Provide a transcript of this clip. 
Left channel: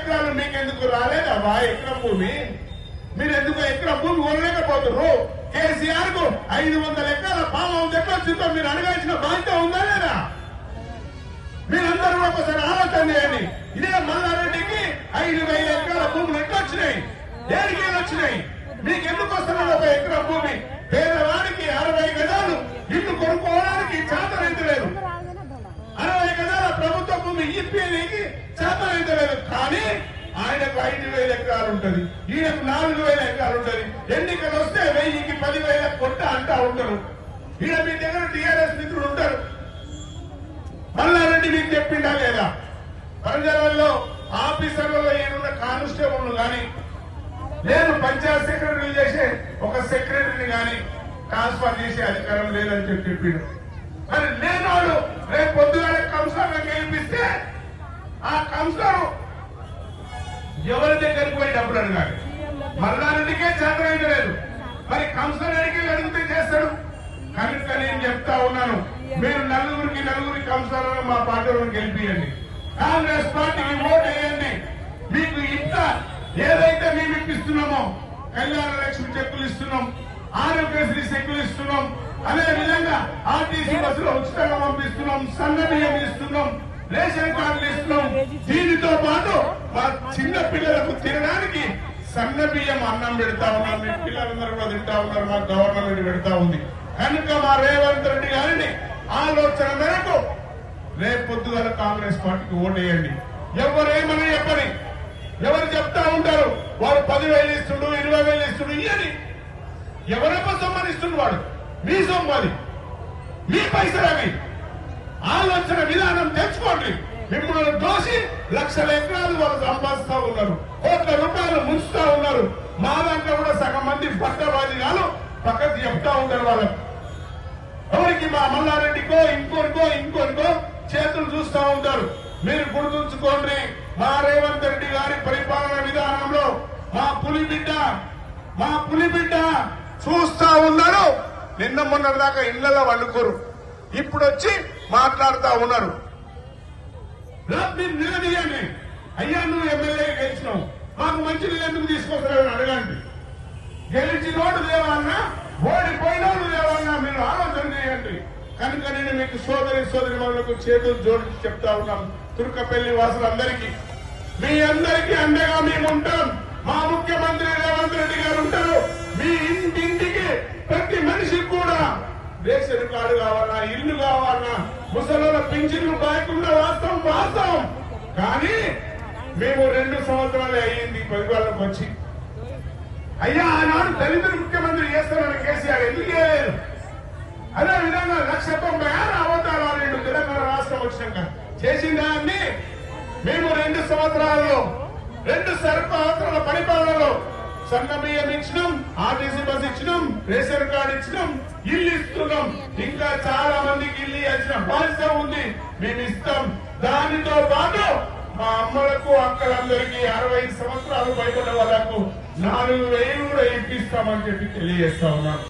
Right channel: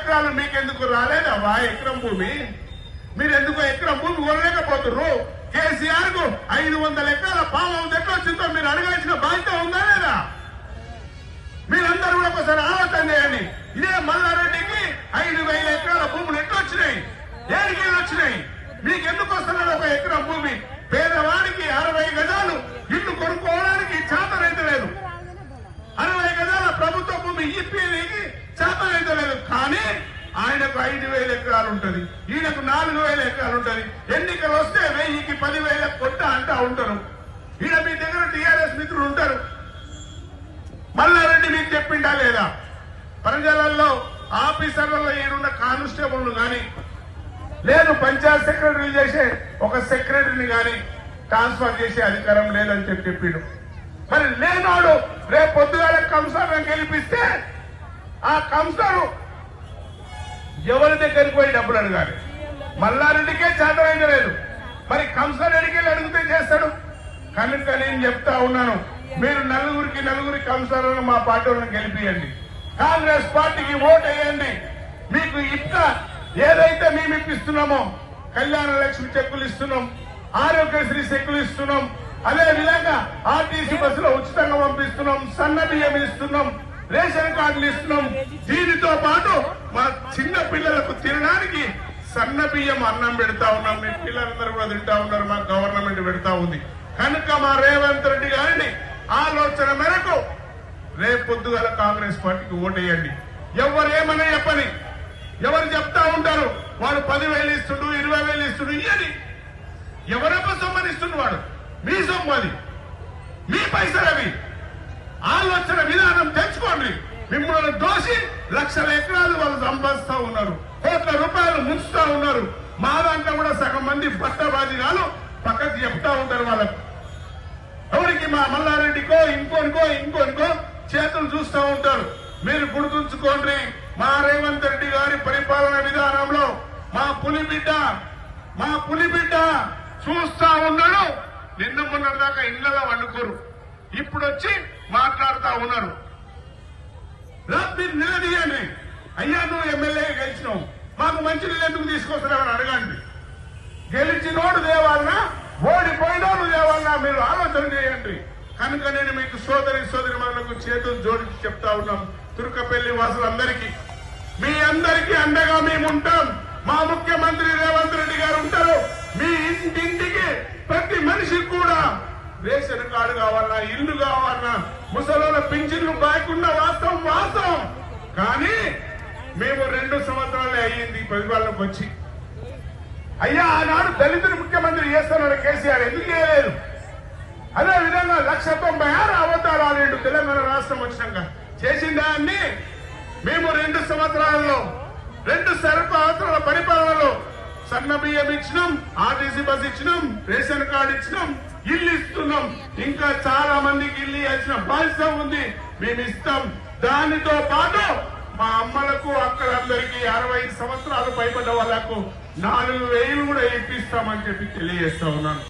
ఎకరాలు మీకెందుకు రాలేదవ్వా ఎకరం భూమి. మీరు ఎందుకు ఎకరం భూమి కొనలేకపోతున్నారు కేసీఆర్కు ఐదు వందల ఎకరాల పాము హౌస్ ఎట్లా వచ్చిందో మీరు అడగాల్సిన బాధ్యత ఉందా లేదా? మీరందరూ కూడా ఒకసారి ఆలోచన చేయండి. ఇదే మల్లారెడ్డికి ఐదు వేల ఎకరాల భూములు ఎట్లా వచ్చినాయి? దేనికి వచ్చినాయి? మీకు ఎందుకు వస్తున్నారు ఒక ఎకరం భూమి? పేదవాడికి అరవై గజాలు ఇల్లు కొనుక్కోవడానికి చేతనైతే లేదు. అరవై గజాల ప్రభుత్వ భూమి ఇప్పేది చేతనైతే కానీ ఆయనకు ఐదు వేల ఎకరాలు ఉంటది ఈయనకు నాలుగు వేల ఎకరాలు ఉంటది ఎన్నికలు వస్తే వెయ్యికి పదివేల కొట్ట అంటా ఉంటారు. ఈయన మీ దగ్గర టీఆర్ఎస్ మిత్రులు ఉంటారు. మల్లారెడ్డి మీకు చెప్పిండా లేదా? వరంగల్లో ఆఫీసర్లలో ఈయనున్న కానిస్టేబుల్ గాని నేను పంచాయత్ సెక్రటరీ చేసే ఒక సెక్రటరీని గాని ట్రాన్స్ఫర్ చేసే అధికారం లేదని చెప్పి చెప్పిండు. మరి లేనాడు రేపు పొద్దుగాల కంసాలను గెలిపిస్తే ఆ కంసారు ఎవరి దగ్గరికి పోయి డబ్బులు అడగాలి? మల్లారెడ్డికే చేతనైంది లేదు. మరి కంసారెడ్డికి అడిగి అడిగితే చేస్తాడు? కనుక నేను చెప్తా ఉన్నాను మీరు నలుగురికి నలుగురి కంసాలను మా పార్టీలను గెలిపియండి. కాంగ్రెస్ పార్టీకి ఓటు వేయండి. మీకు ఇంకా ఏదైతే మేము ఇప్పిస్తున్నామో కళ్యాణ లక్ష్మి చెక్కులు ఇస్తున్నాం ఆరోగ్యశ్రీ చెక్కులు ఇస్తున్నాం అదే విధంగా ఆర్టీసీ బస్సులో ఉచితంగా పంపిస్తున్నాం సన్న బియ్యం ఇస్తున్నాం రేషన్ ఇస్తున్నాం దీనితో పాటు మా చిన్న పిల్లలకు తినడానికి సన్న బియ్యం అన్నం పెడతా ఉన్నాం. మీ పిల్లలందరూ కూడా తింటా ఉన్నారు. మా గవర్నమెంట్ పెడతా ఉంది. కనుక మా రేవంత్ రెడ్డి గారిని ఆలోచన మేరకు రేపు పొద్దుగల కాంగ్రెస్ పార్టీకి ఓటేయండి. ఎవరు ఏమని చెప్పని ఎవరు చెప్తా ఉంటారు వాడు పదివేలు ఇస్తుడు ఇరవై వేలు ఇస్తుడు ఇయ్యని. ఎవరెవరు సొమ్మనిస్తుండు వాడు? మీ సొమ్మది మీ పైసలు అవి. ఆలోచన విధానం తెచ్చుకోండి. మిమ్మల్ని దోసి లక్షల ఎకరాలు వాళ్ళు సంపాదిస్తా ఉన్నారు. కోట్ల రూపాయలు ముంచుతా ఉన్నారు. మా దాంట్లో కూడా సగం మంది పట్టబాధినాలు పక్కకు చెప్తా ఉంటారు వాళ్ళకు. ఎవరికి మా మల్లారెడ్డికో ఇంకోరికో ఇంకోరికో చేతులు చూస్తూ ఉంటారు. మీరు గుర్తుంచుకోండి మా రేవంత్ రెడ్డి గారి పరిపాలన విధానంలో మా పులి బిడ్డ మా పులి బిడ్డ చూస్తా ఉన్నారు. నిన్న మొన్నటిదాకా దాకా ఇళ్ళలో వండుకోరు. ఇప్పుడు వచ్చి మాట్లాడుతా ఉన్నారు. రా, మీరు నిలదీయండి అయ్యా నువ్వు ఎమ్మెల్యే గెలిచినావు. మాకు మంచి నీళ్ళు ఎందుకు తీసుకొస్తున్నావు అడగండి. గెలిచినోడు దేవాలన్నా ఓడిపోయినోడు దేవాలన్నా మీరు ఆలోచన చేయండి. కనుక నేను మీకు సోదరి సోదరి వాళ్ళకు చేతులు జోడించి చెప్తా ఉన్నాం. తుర్కపల్లి వాసులందరికీ. మీ అందరికీ అండగా మేము ఉంటాం. మా ముఖ్యమంత్రి రేవంత్ రెడ్డి గారు ఉంటారు. మీ ఇంటింటికి ప్రతి మనిషికి కూడా రేషన్ కార్డు కావాలన్నా ఇల్లు కావాలన్నా ముసలి పింఛన్లు కాకుండా వాస్తవం వాస్తవం కానీ మేము రెండు సంవత్సరాలే అయ్యింది పరిపాలనకు వచ్చి. అయ్యా ఆనాడు దళితులు ముఖ్యమంత్రి చేస్తారని కేసీఆర్. ఎందుకు చేయలేదు? అదే విధంగా లక్ష తొంభై ఆరు అవతారాలు రెండు తెలంగాణ రాష్ట్రం వచ్చినాక. చేసిన దాన్ని మేము రెండు సంవత్సరాలలో రెండు సంవత్సరాల పరిపాలనలో సన్న బియ్యం ఇచ్చినాం ఆర్టీసీ బస్ ఇచ్చినాం రేషన్ కార్డు ఇచ్చినాం ఇల్లు ఇస్తున్నాం. ఇంకా చాలా మందికి ఇల్లు ఇచ్చిన బాధ్యత ఉంది. మేము ఇస్తాం. దానితో పాటు మా అమ్మలకు అక్కలందరికీ అరవై సంవత్సరాలు పైబడ్డ వాళ్ళకు నాలుగు వేలు కూడా ఇప్పిస్తామని చెప్పి తెలియజేస్తా ఉన్నాను.